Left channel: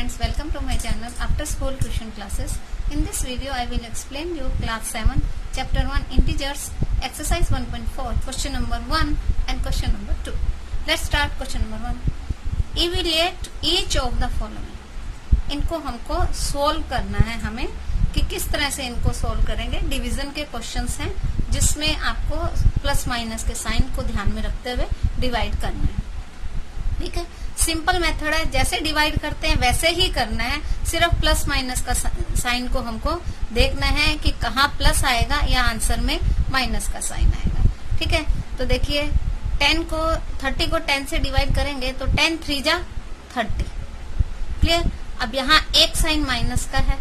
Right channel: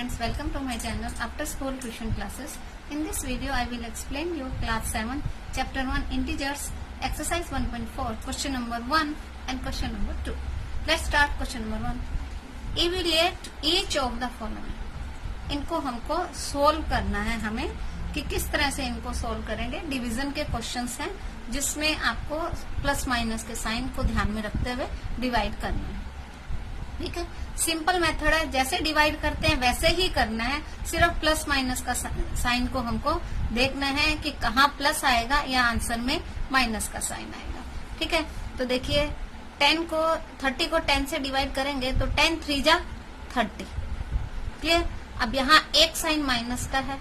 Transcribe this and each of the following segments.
friends, welcome to my channel After School Tuition Classes. In this video I will explain you class 7 chapter 1 integers exercise 1.4 question number 1 and question number 2. Let's start question number 1. Evaluate each of the following. इनको हमको solve करना है हमें कि किस तरह से इनको सोल्व करेंगे. डिवीजन के क्वेश्चंस हैं जिसमें आपको प्लस माइनस के साइन को ध्यान में रखते हुए डिवाइड करना है. ठीक है, सिंपल मेथड है, जैसे डिवाइड करते हैं वैसे ही करना है. सिर्फ प्लस माइनस का साइन को हमको देखना है कि कहाँ प्लस आएगा या आंसर में माइनस का साइन आएगा. ठीक है, तो देखिए 30 को 10 से डिवाइड करेंगे तो 10 3 जा 30. क्लियर. अब यहाँ एक साइन माइनस का है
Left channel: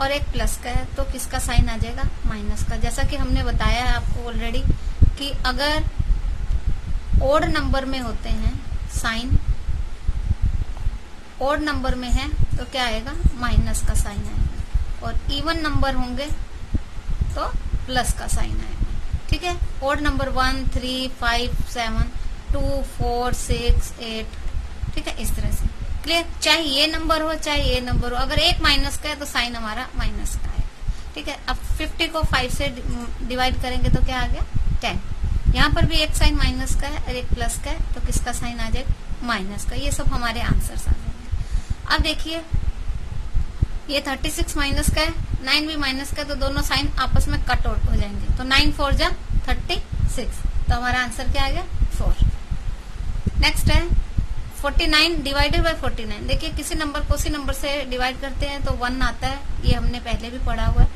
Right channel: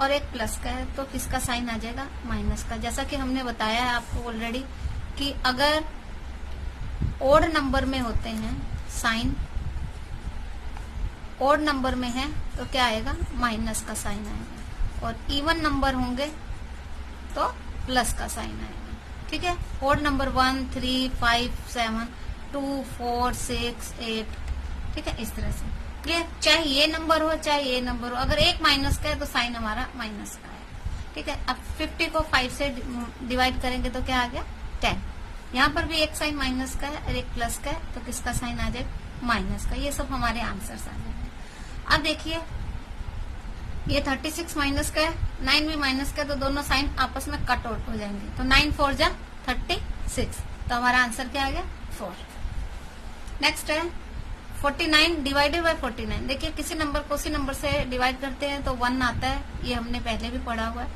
और एक प्लस का है, तो किसका साइन आ जाएगा? माइनस का. जैसा कि हमने बताया है आपको ऑलरेडी कि अगर ओड नंबर में होते हैं साइन, ओड नंबर में है तो क्या आएगा? माइनस का साइन आएगा. और इवन नंबर होंगे तो प्लस का साइन आएगा. ठीक है, ओड नंबर 1 3 5 7 2 4 6 8. ठीक है, इस तरह से. क्लियर. चाहे ये नंबर हो चाहे ये नंबर हो, अगर एक माइनस का है तो साइन हमारा माइनस का है. ठीक है, अब 50 को 5 से डिवाइड करेंगे तो क्या आ गया? 10. यहाँ पर भी एक साइन माइनस का है और एक प्लस का है, तो किसका साइन आ जाएगा? माइनस का. ये सब हमारे आंसर्स आ जाएंगे. अब देखिए ये 36 माइनस का है, 9 भी माइनस का है, तो दोनों साइन आपस में कट आउट हो जाएंगे. तो 9 4 जा 36, तो हमारा आंसर क्या आ गया? 4. नेक्स्ट है 49 डिवाइडेड बाय 49. देखिए किसी नंबर को उसी नंबर से डिवाइड करते हैं तो 1 आता है, ये हमने पहले भी पढ़ा हुआ है.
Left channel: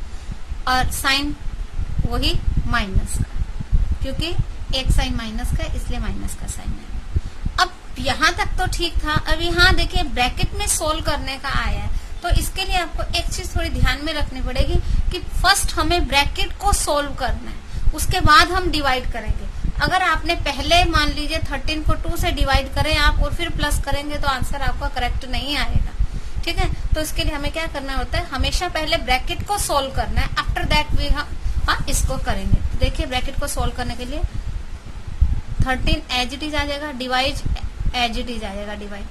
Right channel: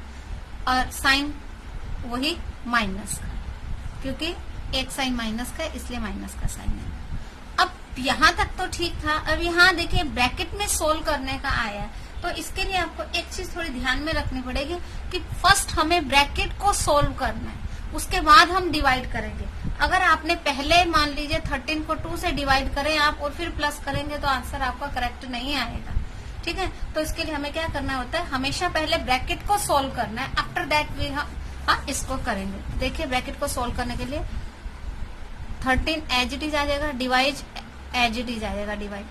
और साइन वही माइनस का, क्योंकि एक साइन माइनस का है इसलिए माइनस का साइन है. अब यहाँ तक तो ठीक था. अब यहाँ देखिए ब्रैकेट में सोल्व करने का आया है, तो इसके लिए आपको एक चीज थोड़ी ध्यान में रखनी पड़ेगी कि फर्स्ट हमें ब्रैकेट को सोल्व करना है, उसके बाद हम डिवाइड करेंगे. अगर आपने पहले मान लीजिए 13 को 2 से डिवाइड करें आप और फिर प्लस करेंगे तो आंसर आपका करेक्ट नहीं आएगा. ठीक है, तो इसके लिए हमें क्या करना होता है? हमेशा पहले ब्रैकेट को सोल्व करना है, आफ्टर दैट वी हम इसको करेंगे. तो देखिए ब्रैकेट को सोल्व करने के लिए 13 एज इट इज आ जाएगा, डिवाइड एज इट इज आ जाएगा, डिवाइड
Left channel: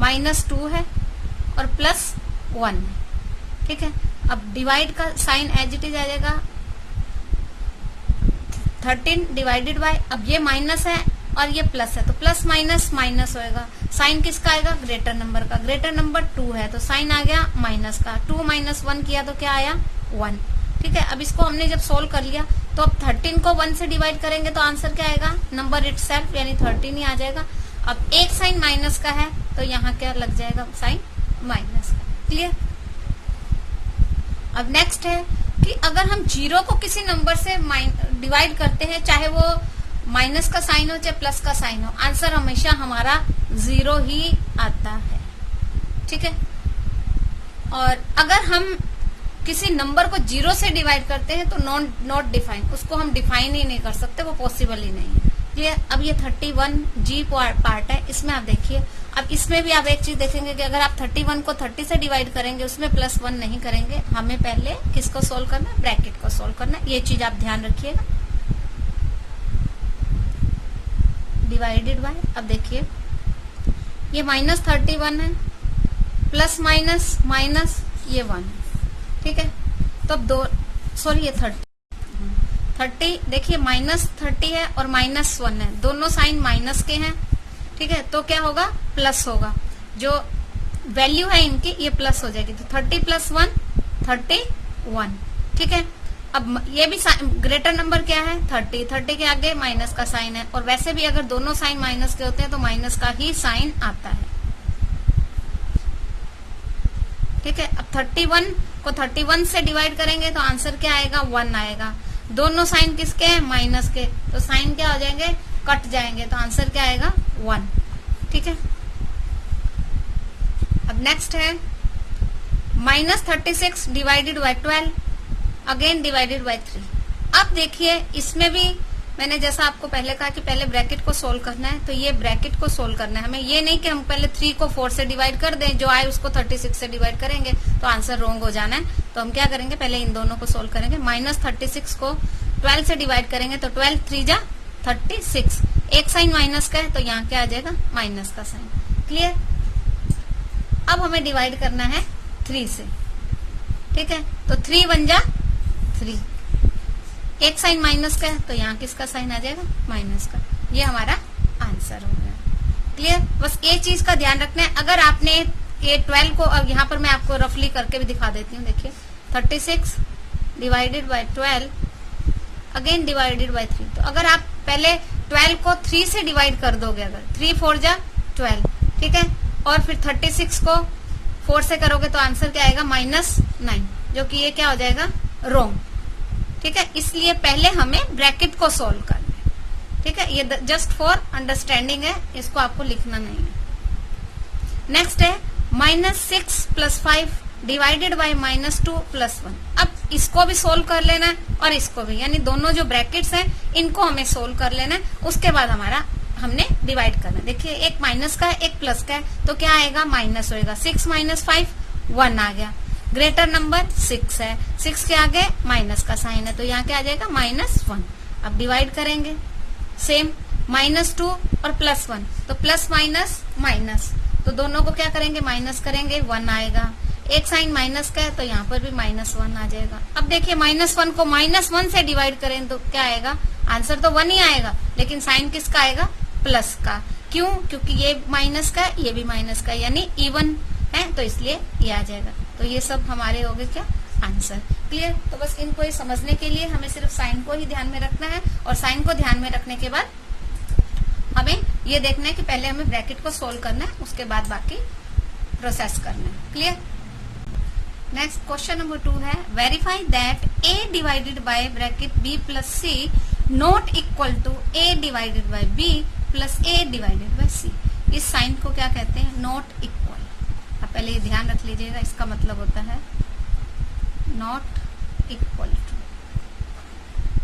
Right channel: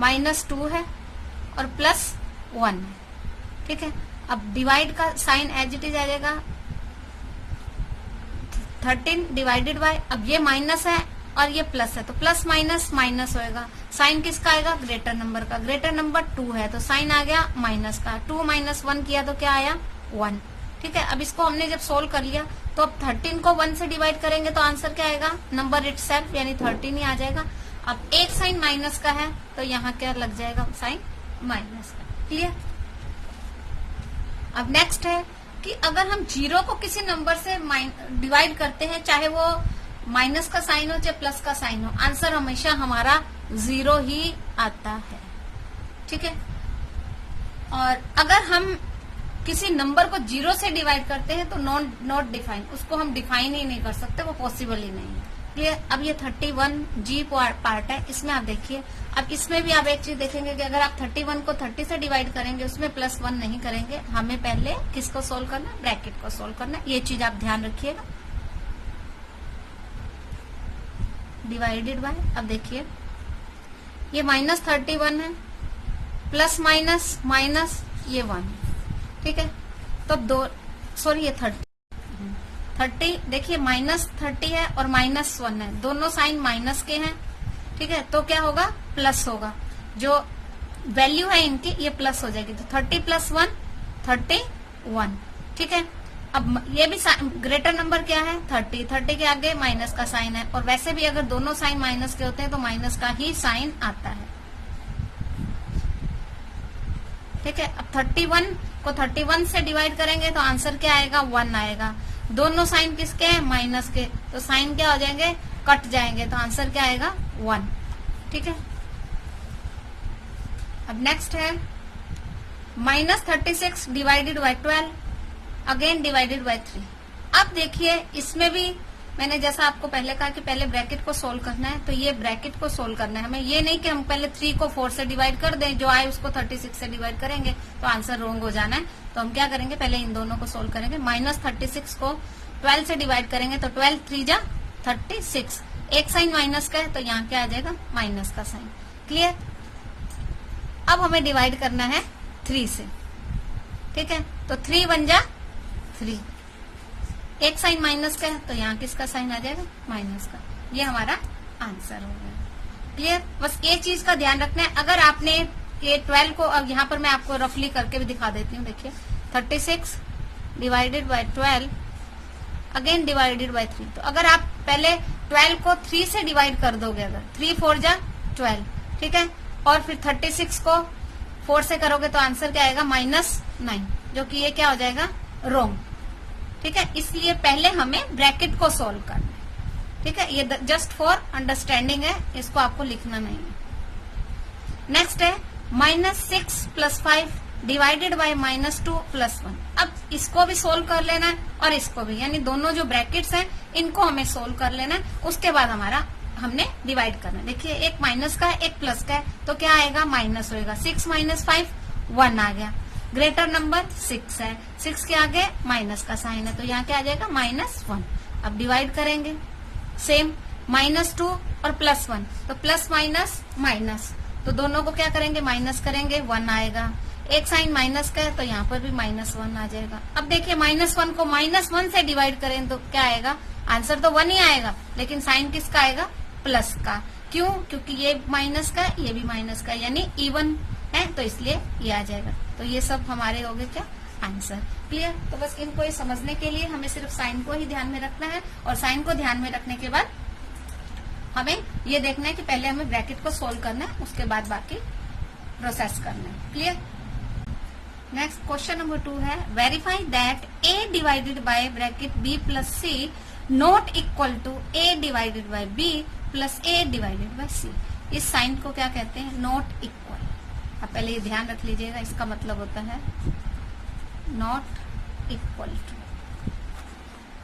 -2 है और +1 है. ठीक है, अब डिवाइड का साइन एज इट इज आ जाएगा 13 डिवाइडेड बाय, अब ये माइनस है और ये प्लस है तो प्लस माइनस माइनस होएगा. साइन किसका आएगा? ग्रेटर नंबर का. ग्रेटर नंबर 2 है तो साइन आ गया माइनस का. 2 - 1 किया तो क्या आया? 1. ठीक है, अब इसको हमने जब सोल्व कर लिया तो अब 13 को 1 से डिवाइड करेंगे तो आंसर क्या आएगा? नंबर इटसेल्फ यानी 13 ही आ जाएगा. अब एक साइन माइनस का है तो यहाँ क्या लग जाएगा? साइन माइनस का. क्लियर. अब नेक्स्ट है कि अगर हम 0 को किसी नंबर से डिवाइड करते हैं, चाहे वो माइनस का साइन हो चाहे प्लस का साइन हो, आंसर हमेशा हमारा 0 ही आता है. ठीक है, और अगर हम किसी नंबर को 0 से डिवाइड करते हैं तो नॉट डिफाइन, उसको हम डिफाइन ही नहीं कर सकते, वो पॉसिबल ही नहीं है. क्लियर. अब ये 31 जी पार्ट है, इसमें आप देखिए. अब इसमें भी आप एक चीज देखेंगे कि अगर आप 31 को 30 से डिवाइड करेंगे उसमें +1 नहीं करेंगे. हमें पहले किसको सोल्व करना है? ब्रैकेट को सोल्व करना है. ये चीज आप ध्यान रखिएगा. डिवाइडेड बाय, अब देखिए ये -31 है, प्लस माइनस माइनस ये 1 है. ठीक है, तो ये 30 देखिए -30 है और -1 है, दोनों साइन माइनस के हैं. ठीक है, तो क्या होगा? प्लस होगा. जो वैल्यू है इनकी ये प्लस हो जाएगी, तो 30 + 1 31. ठीक है, अब ये भी ग्रेटर नंबर क्या है? 30 के आगे माइनस का साइन है, और वैसे भी अगर दोनों साइन माइनस के होते हैं तो माइनस का ही साइन आता है. ठीक है, अब 31 को 31 से डिवाइड करेंगे तो आंसर क्या आएगा? 1 आएगा. दोनों साइन किसके हैं? माइनस के, तो साइन क्या हो जाएंगे? कट जाएंगे, तो आंसर क्या आएगा? 1. ठीक है, अब नेक्स्ट है -36 divided by 12 again divided by 3. अब देखिए इसमें भी मैंने जैसा आपको पहले कहा कि पहले ब्रैकेट को सोल्व करना है, तो ये ब्रैकेट को सोल्व करना है हमें. ये नहीं कि हम पहले 3 को 4 से डिवाइड कर दें, जो आए उसको 36 से डिवाइड करेंगे तो आंसर रॉन्ग हो जाना है. तो हम क्या करेंगे? पहले इन दोनों को सोल्व करेंगे. -36 को 12 से डिवाइड करेंगे तो 12 3 जा 36. एक साइन माइनस का है तो यहाँ क्या आ जाएगा? माइनस का साइन. क्लियर. अब हमें डिवाइड करना है 3 से, ठीक है। तो 3 1 जा 3, एक साइन माइनस का है तो यहाँ किसका साइन आ जाएगा, माइनस का। ये हमारा आंसर हो गया। क्लियर। बस एक चीज का ध्यान रखना है, अगर आपने ये 12 को, अब यहाँ पर मैं आपको रफली करके भी दिखा देती हूँ। देखिए 36 divided by 12 again divided by 3। तो अगर आप पहले 12 को 3 से डिवाइड कर दोगे, अगर 3 4 जा 12, ठीक है, और फिर 36 को 4 से करोगे तो आंसर क्या आएगा, -9, जो कि ये क्या हो जाएगा, रॉन्ग, ठीक है। इसलिए पहले हमें ब्रैकेट को सोल्व करना है, ठीक है। ये जस्ट फॉर अंडरस्टैंडिंग है, इसको आपको लिखना नहीं है। नेक्स्ट है -6 + 5 डिवाइडेड बाय -2 + 1। अब इसको भी सोल्व कर लेना है और इसको भी, यानी दोनों जो ब्रैकेट्स हैं इनको हमें सोल्व कर लेना है। उसके बाद हमने डिवाइड करना है। देखिए एक माइनस का है, एक प्लस का है, तो क्या आएगा, माइनस होएगा। 6 - 5 1 आ गया। ग्रेटर नंबर 6 है, 6 के आगे माइनस का साइन है, तो यहाँ क्या आ जाएगा, -1। अब डिवाइड करेंगे सेम, -2 और +1, तो प्लस माइनस माइनस, तो दोनों को क्या करेंगे, माइनस करेंगे, 1 आएगा। एक साइन माइनस का है तो यहाँ पर भी -1 आ जाएगा। अब देखिए -1 को -1 से डिवाइड करें तो क्या आएगा, आंसर तो 1 ही आएगा, लेकिन साइन किसका आएगा, प्लस का। क्यों, क्योंकि ये माइनस का है, ये भी माइनस का, यानी इवन है, तो इसलिए ये आ जाएगा। तो ये सब हमारे हो गए क्या, आंसर। क्लियर। तो बस इनको समझने के लिए हमें सिर्फ साइन को ही ध्यान में रखना है, और साइन को ध्यान में रखने के बाद हमें ये देखना है कि पहले हमें ब्रैकेट को सोल्व करना है, उसके बाद बाकी प्रोसेस करना है। क्लियर। नेक्स्ट क्वेश्चन नंबर 2 है, verify that a divided by bracket b + c not equal to a divided by b + a divided by c। इस साइन को क्या कहते हैं, नॉट इक्वल। अब पहले ये ध्यान रख लीजिएगा, इसका मतलब होता है नॉट इक्वल टू,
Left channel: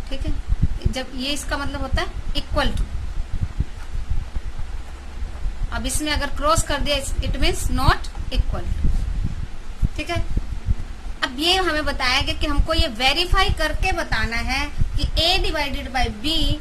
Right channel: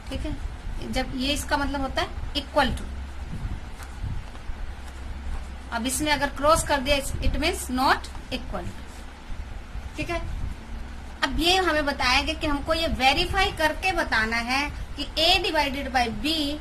ठीक है। जब ये इसका मतलब होता है इक्वल टू, अब इसमें अगर क्रॉस कर दिया it means not equal to, ठीक है। अब ये हमें बताया गया कि हमको ये वेरीफाई करके बताना है कि a divided by b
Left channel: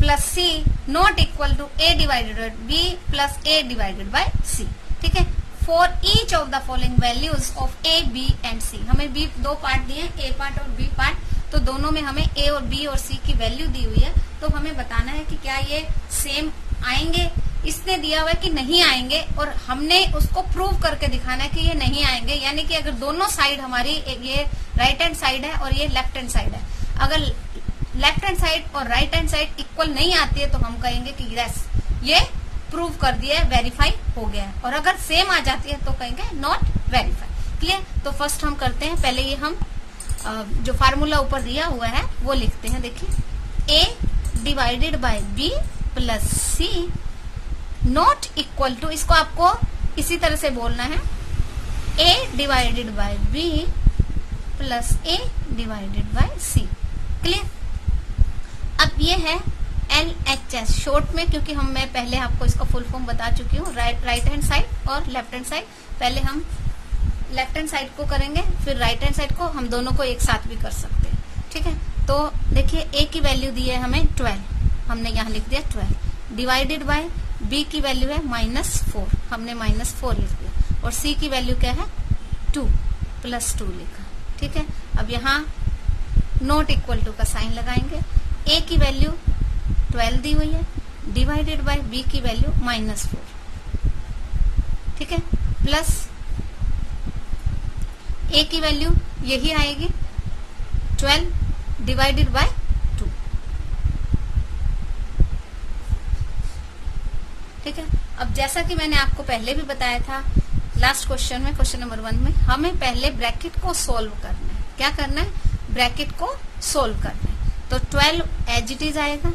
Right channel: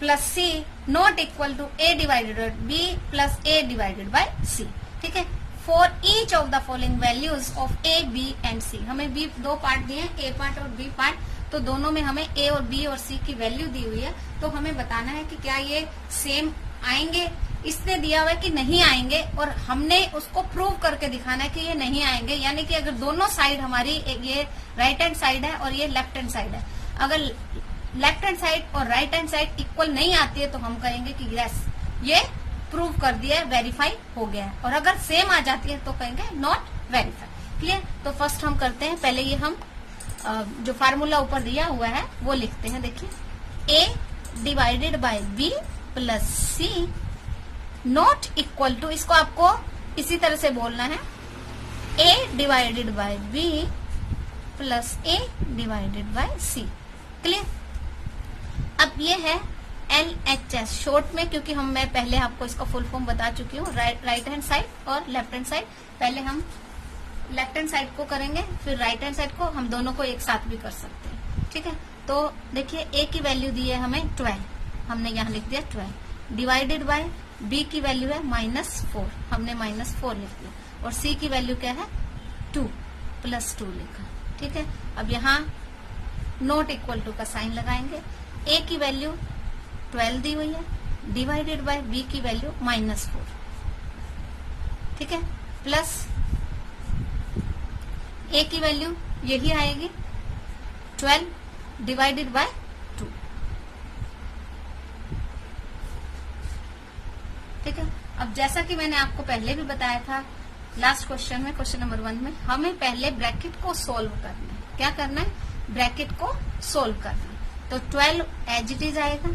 + c not equal to a divided by b + a divided by c, ठीक है। For each of the following values of a, b and c। हमें b 2 पार्ट दिए हैं, a पार्ट और b part, तो दोनों में हमें a और b और c की वैल्यू दी हुई है। तो हमें बताना है कि क्या ये सेम आएंगे, इसने दिया हुआ है कि नहीं आएंगे, और हमने उसको प्रूव करके दिखाना है कि ये नहीं आएंगे। यानी कि अगर दोनों साइड हमारी, ये राइट हैंड साइड है और ये लेफ्ट हैंड साइड है, अगर लेफ्ट हैंड साइड और राइट हैंड साइड इक्वल नहीं आती है तो हम कहेंगे कि यस ये प्रूव कर दिया है, वेरीफाई हो गया है। और अगर सेम आ जाती है तो कहेंगे नॉट वेरीफाई। ठीक है। तो फर्स्ट हम करते हैं, पहले ये हम जो फार्मूला ऊपर दिया हुआ है वो लिखते हैं। देखिए a divided by b + c not equal to, इसको आपको इसी तरह से बोलना है, a divided by b + a divided by c। Clear. अब ये है LHS शॉर्ट में, क्योंकि मैं पहले आपको इसका फुल फॉर्म बता चुकी हूँ, राइट हैंड साइड और लेफ्ट हैंड साइड। पहले हम लेफ्ट हैंड साइड को करेंगे, फिर राइट हैंड साइड को, हम दोनों को एक साथ भी कर सकते हैं। ठीक है। तो देखिए a की वैल्यू दी है हमें 12, हमने यहाँ लिख दिया 12, डिवाइडेड बाय b की वैल्यू है -4, हमने -4 लिख दिया, और c की वैल्यू क्या है 2 + 2 लिखा। ठीक है। अब यहाँ नॉट इक्वल टू का साइन लगाएंगे, a की वैल्यू 12 दी हुई है, डिवाइडेड बाय b की वैल्यू -4, ठीक है, प्लस a की वैल्यू यही आएगी 12 डिवाइडेड बाय 2। ठीक है। अब जैसा कि मैंने आपको पहले भी बताया था लास्ट क्वेश्चन में, क्वेश्चन नंबर 1 में, हमें पहले ब्रैकेट को सोल्व करना है। क्या करना है, ब्रैकेट को सोल्व करना है। तो 12 एज इट इज आएगा,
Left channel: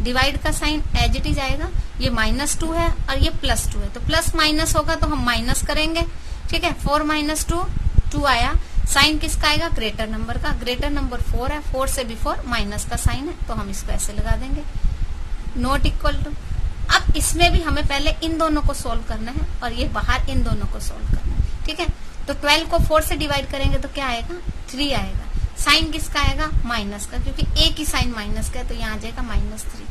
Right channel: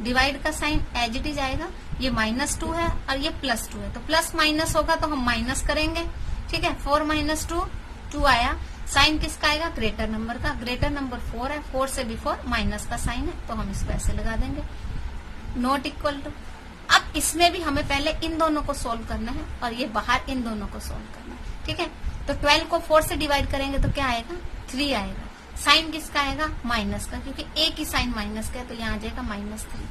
डिवाइड का साइन एज इट इज आएगा, ये -2 है और ये +2 है, तो प्लस माइनस होगा तो हम माइनस करेंगे। ठीक है। 4 - 2 2 आया, साइन किसका आएगा, ग्रेटर नंबर का, ग्रेटर नंबर 4 है, 4 से बिफोर माइनस का साइन है, तो हम इसको ऐसे लगा देंगे, नॉट इक्वल टू। अब इसमें भी हमें पहले इन दोनों को सोल्व करना है और ये बाहर इन दोनों को सोल्व करना है। ठीक है। तो 12 को 4 से डिवाइड करेंगे तो क्या आएगा, 3 आएगा, साइन किसका आएगा, माइनस का, क्योंकि a की साइन माइनस का है, तो यहाँ आ जाएगा -3,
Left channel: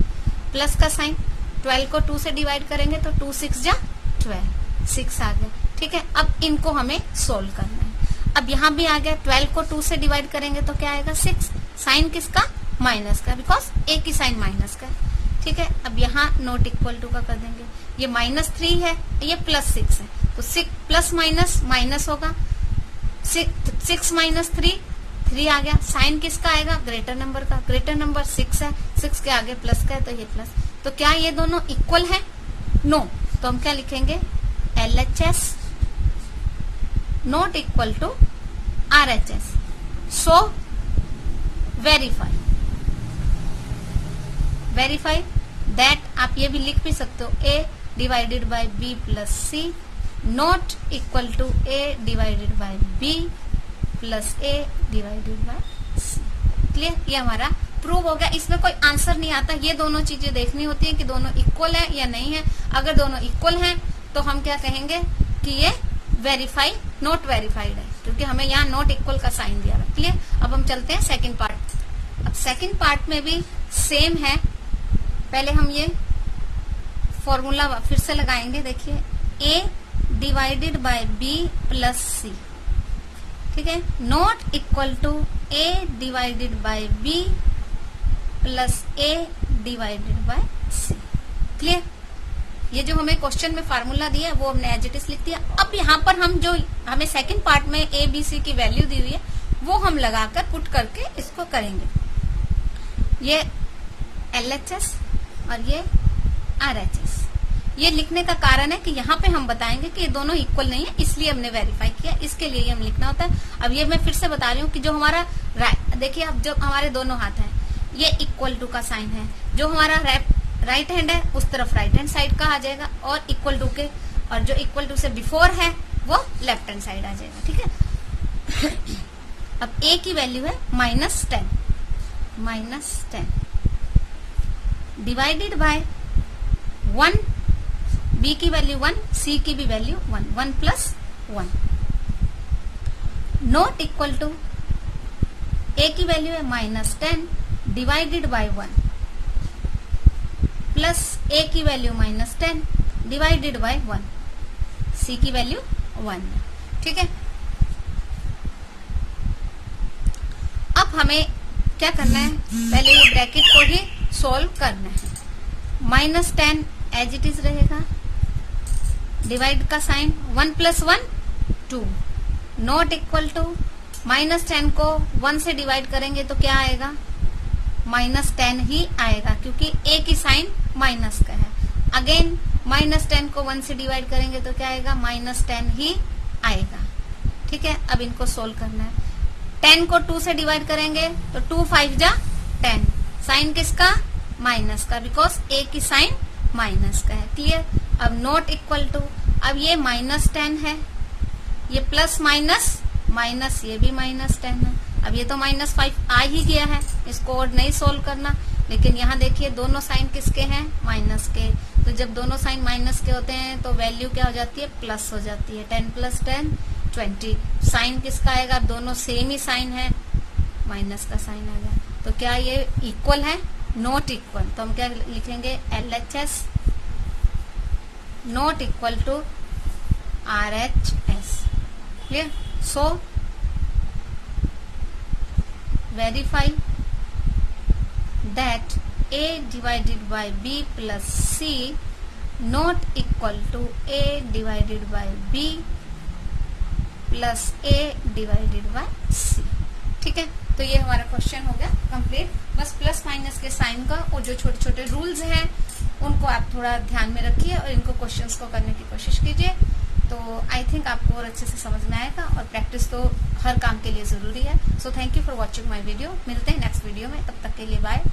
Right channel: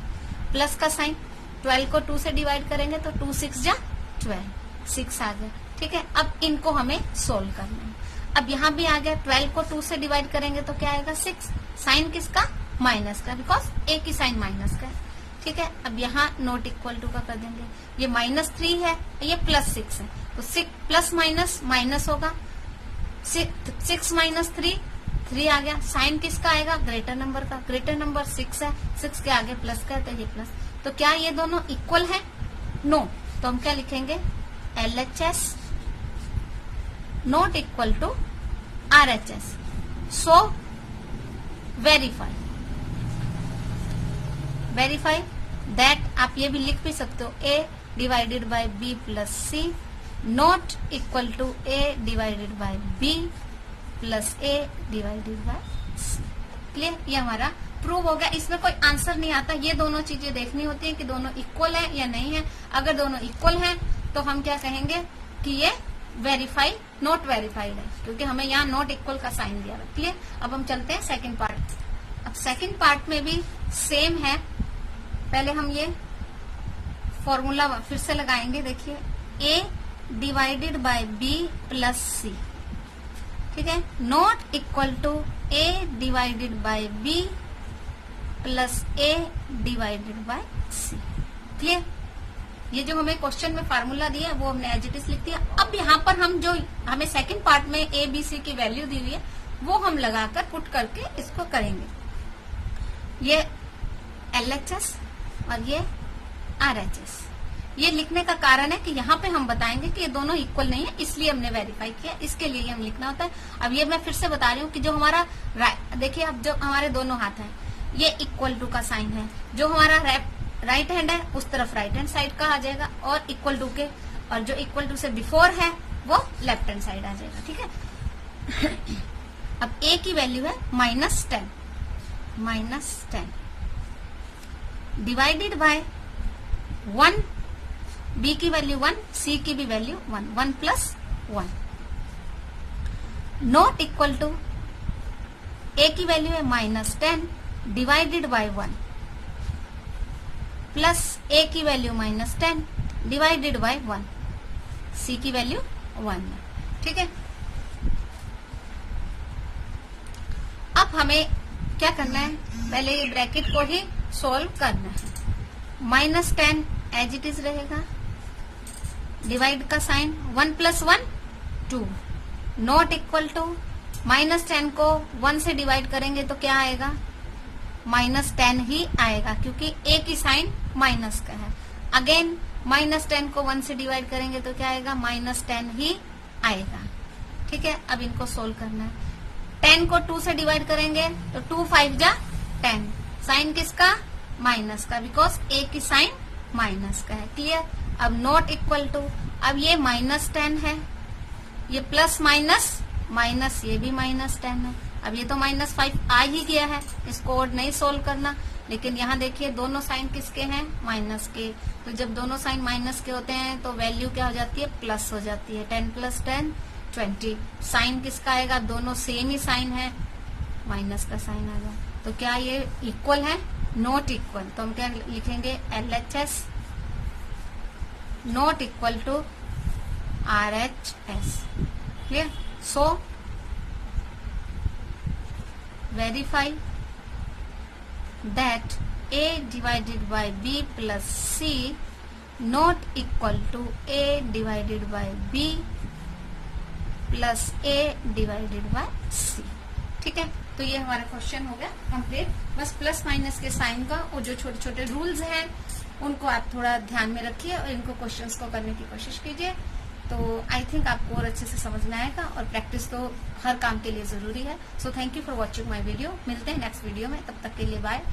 प्लस का साइन 12 को 2 से डिवाइड करेंगे तो 2 6 जा 12, 6 आ गया, ठीक है, अब इनको हमें सोल्व करना है। अब यहाँ भी आ गया 12 को 2 से डिवाइड करेंगे तो क्या आएगा 6, साइन किसका, माइनस का, बिकॉज ए की साइन माइनस का है। ठीक है, अब यहाँ नॉट इक्वल टू का कर देंगे, ये -3 है, ये +6 है, तो 6 प्लस माइनस माइनस होगा, 6 माइनस 3 आ गया, साइन किसका आएगा, ग्रेटर नंबर का, ग्रेटर नंबर 6 है, 6 के आगे प्लस का है तो ये प्लस। तो क्या ये दोनों इक्वल है, नो, तो हम क्या लिखेंगे LHS not equal to RHS, so verify that, आप ये भी लिख भी सकते हो A divided by B plus C not equal to A divided by B plus A divided by C। Clear, ये हमारा प्रूव हो गया। इसमें कोई आंसर नहीं आता, ये दोनों चीजें देखनी होती है कि दोनों इक्वल है या नहीं है। अगर दोनों इक्वल हैं तो हम क्या कहेंगे कि ये वेरीफाई नॉट वेरीफाइड है, क्योंकि हमें यहाँ नॉट इक्वल का साइन दिया है। क्लियर, अब हम चलते हैं सेकंड पार्ट। अब सेकंड पार्ट में भी सेम है, पहले हम ये फॉर्मूला फिर से लगाएंगे। देखिए A divided by B plus C, ठीक है, not equal to A divided by B plus A divided by C। Clear, ये जो हमें क्वेश्चन में फार्मूला दिया वो हमने एज इट इज लिख दिया। अब यहाँ पर हम जो हमें सेकंड पार्ट में A B C की वैल्यू दी हुई है वो हम लगाकर पुट करके इसको करेंगे। ये LHS और ये RHS। ये लिखने का कारण है कि यहाँ पे हम बताएंगे कि ये दोनों इक्वल नहीं है, इसलिए हमने वेरीफाई किया, इसके लिए हम लिखना होता है। अब ये मैं फिर से बता रही हूँ कि जो हमारा देखिए, अब जो हमारे दोनों हाथ हैं ये इक्वल टू का साइन है, जो हमारा राइट हैंड है उस तरफ राइट हैंड साइड का आ जाएगा, और इक्वल टू के, और जो इक्वल टू से बिफोर है वो लेफ्ट हैंड साइड आ जाएगा। ठीक है, अब A की वैल्यू है -10 डिवाइडेड बाय 1, B की वैल्यू 1, C की भी value 1 plus 1 not equal to A की वैल्यू है -10 डिवाइडेड बाय 1 प्लस A की वैल्यू -10 डिवाइडेड बाय 1, C की वैल्यू 1 है। ठीक है, अब हमें क्या करना है, पहले ये ब्रैकेट को ही सोल्व करना है। -10 एज इट इज रहेगा, डिवाइड का sign 1 plus 1 2 not equal to -10 को 1 से डिवाइड करेंगे तो क्या आएगा, -10 ही आएगा, क्योंकि A की साइन माइनस का है। अगेन -10 को 1 से डिवाइड करेंगे तो क्या आएगा, -10 ही आएगा। ठीक है, अब इनको सोल्व करना है। 10 को 2 से डिवाइड करेंगे तो 2 5 जा 10, साइन किसका, माइनस का, बिकॉज A की साइन माइनस का है। क्लियर, अब नॉट इक्वल टू, अब ये -10 है, ये प्लस माइनस माइनस, ये भी -10 है। अब ये तो -5 आ ही गया है, इसको और नहीं सोल्व करना। लेकिन यहाँ देखिए दोनों साइन किसके हैं, माइनस के, तो जब दोनों साइन माइनस के होते हैं तो वैल्यू क्या हो जाती है, प्लस हो जाती है। 10 प्लस 10 20, साइन किसका आएगा, दोनों सेम ही साइन है, माइनस का साइन आ गया। तो क्या ये इक्वल है, नॉट इक्वल, तो हम क्या लिखेंगे LHS not equal to RHS। Clear, so verify that A divided by B plus C not equal to A divided by B plus A divided by C। ठीक है, तो ये हमारा क्वेश्चन हो गया कंप्लीट। बस प्लस माइनस के sign का और जो छोटे छोटे रूल्स हैं उनको आप थोड़ा ध्यान में रखिए और इनको क्वेश्चंस को करने की कोशिश कीजिए, तो आई थिंक आपको और अच्छे से समझ में आएगा। और प्रैक्टिस तो हर काम के लिए जरूरी है। So thank you for watching my video. मिलते हैं नेक्स्ट वीडियो में, तब तक के लिए बाय।